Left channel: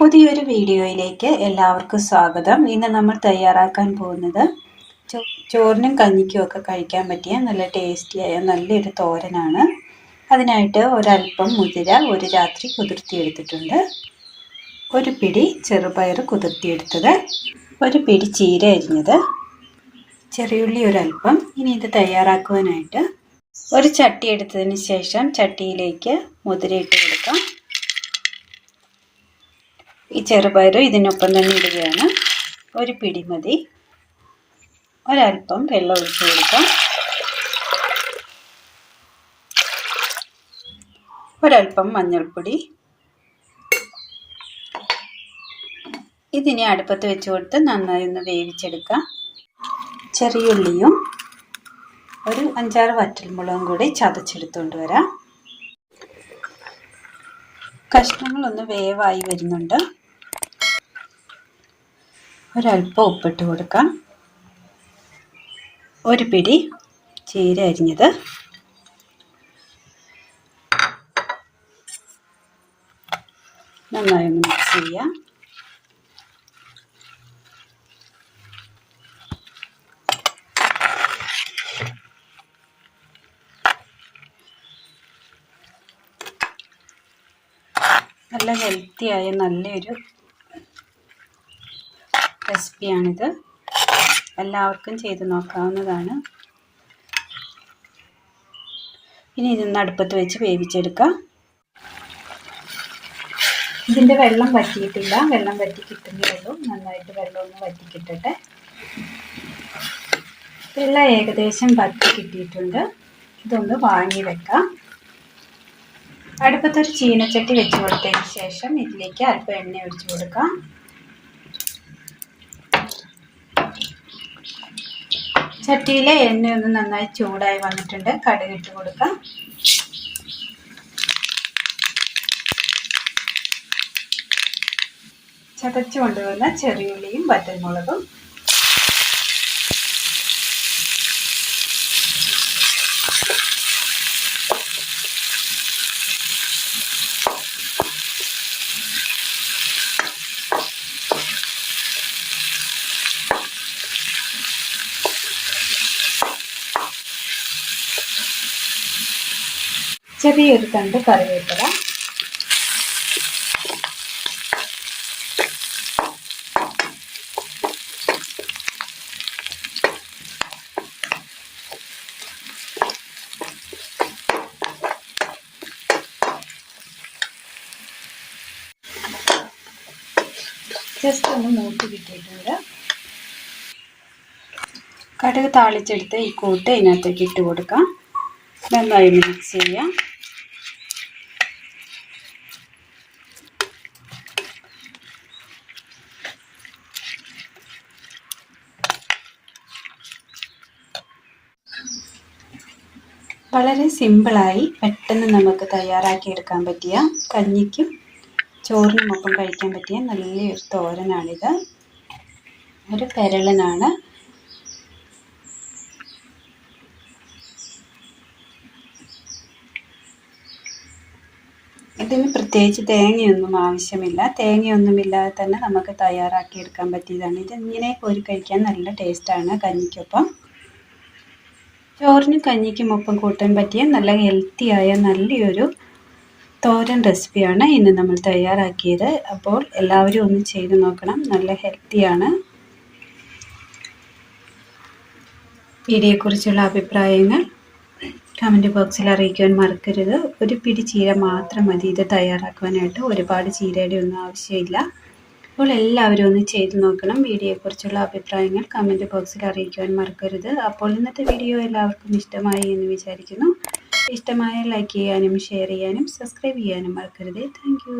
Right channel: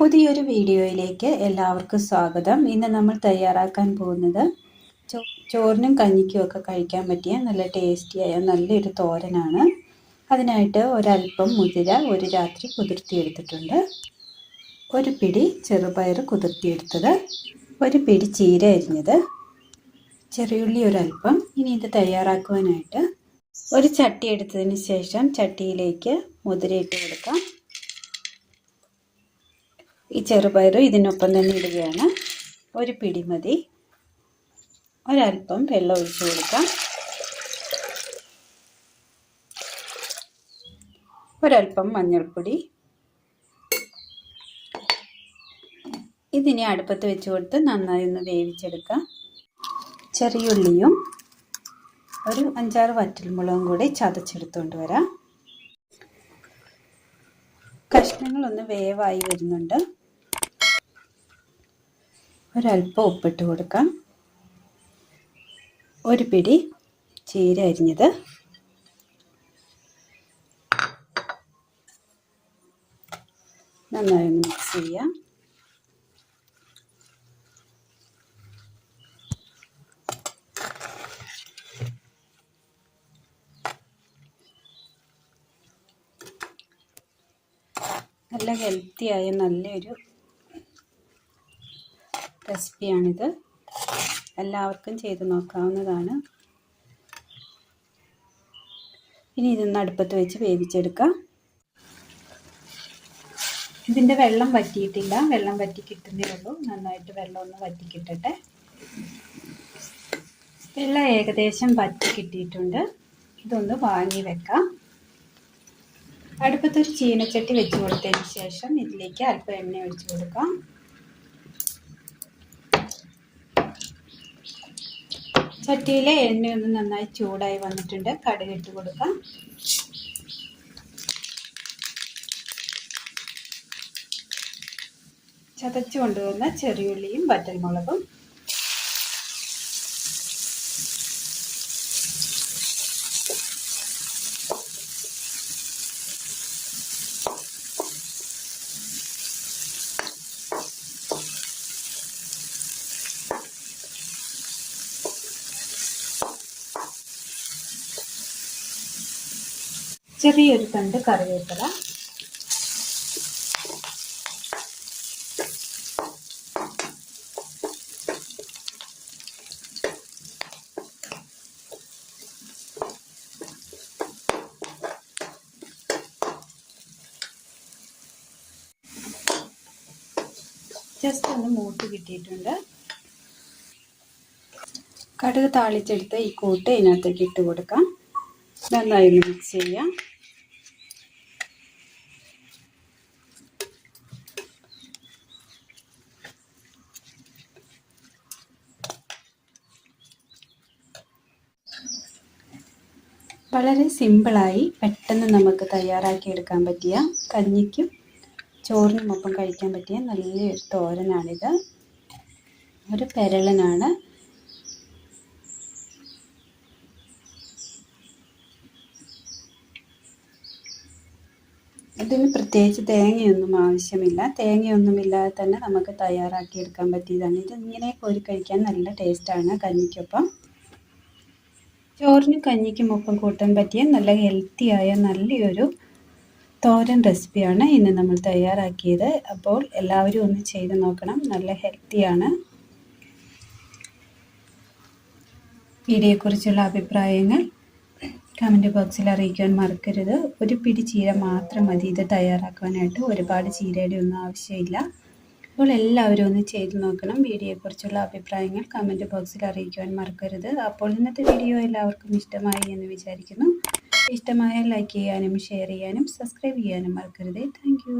പുതിയൊരു വീഡിയോയിലേക്ക് എല്ലാവർക്കും സ്വാഗതം. ഇന്ന് നമ്മൾ തയ്യാറാക്കാൻ പോകുന്നത് ചോറിനും കഞ്ഞിക്കും ഒക്കെ കഴിക്കാൻ പറ്റിയ നല്ല ടേസ്റ്റിയായ നല്ലൊരു തോരനാണ്. അതിനായിട്ട് ഒരല്പം മുതിര ഒരു രാത്രി കുതിർത്തിയെടുത്തിട്ടുണ്ട്, ഒരു പിടി ചെറുപയർ കുതിർത്തിയെടുത്തത്, ഒരു പിടി ചീര അരിഞ്ഞത്, ചെറിയുള്ളി ഒരല്പം. ഇനി ഇത് തയ്യാറാക്കുവാനായിട്ട് ഒരു ചട്ടി എടുത്തതിന് ശേഷം ചട്ടിയിലേക്ക് മുതിര ഇട്ട് കൊടുക്കാം. ഈ ചെറുപയർ ഇതിനൊപ്പം തന്നെ ഇടുകയാണ്. ഒരു പിടി മതി. ഒരല്പം വെള്ളം ഒഴിച്ച് കൊടുക്കാം. ഒരല്പം മഞ്ഞൾപ്പൊടി. ഇതിനെ അടുപ്പത്ത് വെച്ച് കൊടുത്ത് നന്നായി ഒന്ന് വേവിച്ചെടുക്കാം. ചെറിയുള്ളിയും ഒരു 5-6 വറ്റൽമുളകും കൂടി ചതച്ചെടുത്തുകൊണ്ട് വരാം. കഷ്ണങ്ങളൊന്ന് വേവായി വരുന്നുണ്ട്. ഒരല്പം ഉപ്പിട്ട് കൊടുക്കാം. ഒരു പിടി ചീര അരിഞ്ഞത്, നന്നായി ഒന്ന് മിക്സ് ചെയ്യാം. നല്ല ഹെൽത്തിയായ നല്ലൊരു റെസിപ്പിയാണിത്. എല്ലാവർക്കും ചെയ്ത് നോക്കാവുന്നതാണ്. ഇനി ഇതൊന്ന് അടുപ്പത്ത് വെച്ച് വേവിച്ചെടുക്കാം. ഇതിൻ്റെ വെള്ളം വറ്റിയിട്ടില്ല, വെള്ളം വറ്റി കിട്ടുന്നേ ഉള്ളൂ. നന്നായിട്ട് വെള്ളം ഒന്ന് വറ്റി കിട്ടട്ടെ. വെള്ളം ഏകദേശം വറ്റി കിട്ടിയിട്ടുണ്ട്. ഇതൊന്ന് വാങ്ങി വെക്കാം. അടുപ്പത്തൊരു ചീനച്ചട്ടി വെച്ച് കൊടുത്തതിന് ശേഷം ഇതിലേക്ക് അല്പം എണ്ണ ഒഴിച്ച് കൊടുക്കാം. ചട്ടിയിലെ എണ്ണ ഒന്ന് നന്നായി ചൂടായി വന്നിട്ടുണ്ട്. കടുക് ഇട്ട് കൊടുക്കാം. ചതച്ച് കൊണ്ടുവന്ന ചെറിയുള്ളിയും വറ്റൽമുളകും, ചെറിയൊരു തണ്ട് കറിവേപ്പില, ജസ്റ്റ് ഒന്ന് മൂത്ത് കിട്ടിയിട്ടുണ്ട്. കടുക് താളിച്ചെടുത്ത് ഈ കൂട്ട് ഇതിനകത്തേക്ക് ഇട്ട് കൊടുക്കാം. നന്നായി മിക്സ് ചെയ്യാം. വളരെ സിമ്പിളായി പെട്ടെന്ന് നമുക്ക് തയ്യാറാക്കിയെടുക്കാൻ പറ്റിയ കഞ്ഞിക്കും ചോറിനുമൊപ്പം കഴിക്കാൻ പറ്റിയ നല്ലൊരു തോരനാണിത്. ഒരു പെരളനാണ്. ഇതിന് പ്രത്യേകിച്ച് തേങ്ങയൊന്നും ആവശ്യമില്ല. തേങ്ങയൊന്നുമില്ലാതെ തന്നെ നമുക്ക് തയ്യാറാക്കിയെടുക്കാൻ പറ്റിയതാണ്. ഇത് ഇങ്ങനെ കോരി കഴിക്കാൻ നല്ല ടേസ്റ്റാണ്. കഞ്ഞിക്കൊപ്പം ചോറിനും കഞ്ഞിക്കും ഒപ്പം കൂട്ടാൻ പറ്റിയ നല്ല ഹെൽത്തിയായ നല്ലൊരു തോരൻ റെസിപ്പിയാണ് ഇന്ന് നമ്മൾ തയ്യാറാക്കിയത്. അപ്പോൾ എല്ലാവരും ഒന്ന് ചെയ്ത് നോക്കണം. നല്ല ഹെൽത്തിയാണ്. വീഡിയോയെക്കുറിച്ചുള്ള അഭിപ്രായങ്ങൾ കമൻറ്റ് ബോക്സിൽ അറിയിക്കുവാൻ മറക്കരുത്. ഒരു പിടി ചീര മാത്രം മതി ഇത് തയ്യാറാക്കുവാനായിട്ട്. ഒരുപാട് ചീരയുടെ ഒന്നും ആവശ്യമില്ല. അപ്പോൾ എല്ലാവരും ഒന്ന് ചെയ്ത് നോക്കണം. വീഡിയോയെക്കുറിച്ചുള്ള അഭിപ്രായങ്ങൾ കമൻറ്റ് ബോക്സിൽ അറിയിക്കുവാൻ മറക്കരുത്. അപ്പോൾ ഇന്നത്തെ വീഡിയോ എല്ലാവർക്കും ഇഷ്ടമായി എന്ന് വിചാരിക്കുന്നു. ഇഷ്ടമായ ലൈക്ക് ചെയ്യാനും ഷെയർ ചെയ്യാനും സബ്സ്ക്രൈബ് ചെയ്യാനും മറക്കരുത്. താങ്ക്